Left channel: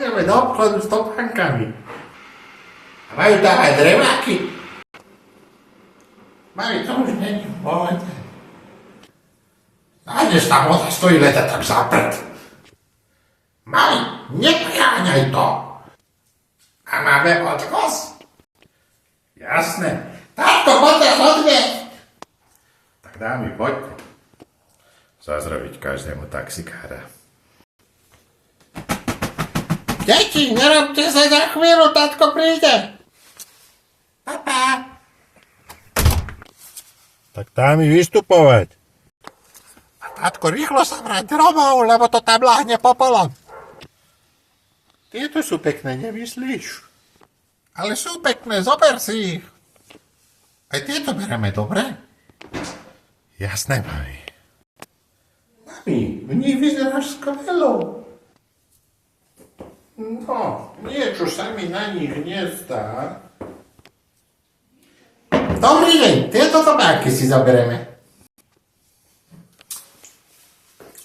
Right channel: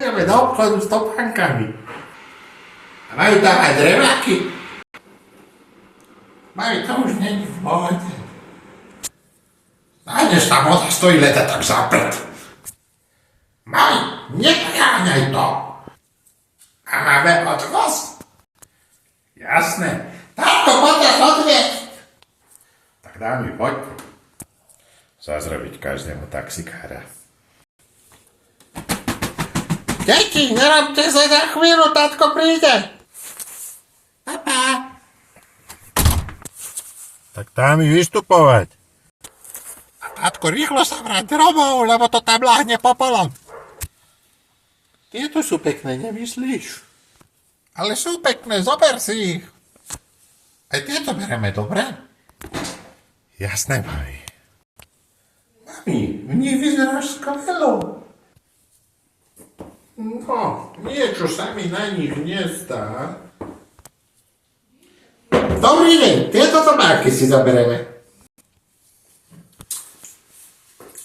Ideme do obchodu s topánkami. A majú tam aj dreváky. Majú to už není v pohode. Nájdeš tam voda stojí leta tak zaprt. Maj, nepreháňaj to. A máme odvoz. Jasné. Táto poďte odviesť. Tak dámy, poďte. Zazrobiť každému taxikára. Deti, nerobte sa za chvíľu, tatko príde. Papa. Tak dám mi vystupovať. Tatko, rýchlo sa vráť domov, lebo to tam láhne popolom. Tieto sú pekné, nemyslíš? Ale sú pekné, zober si ich. Aj tieto bereme, dobre? Jasné, mami. Mami, v nich vyzeráš skvelo. No, niečo sa mi na nich nezdá. Dobrý deň, tieto tobáky si zoberieme.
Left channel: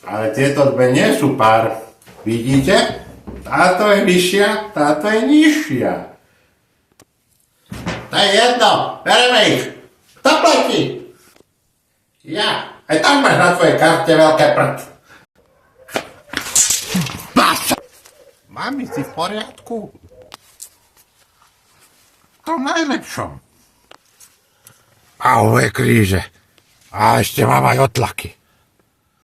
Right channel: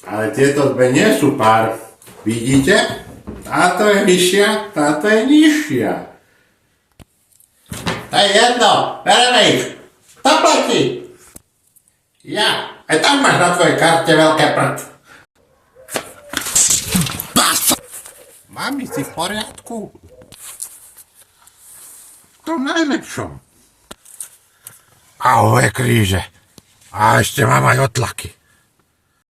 Ale tieto dve nie sú pár. Vidíte? Táto je vyššia, táto je nižšia. To je jedno, bereme ich. Kto platí? Ja. Aj tam máš na tvojej karte veľké prd. Mami, si v poriadku? To najlepšom. Ahoj, kríže. A ešte mám aj otlaky.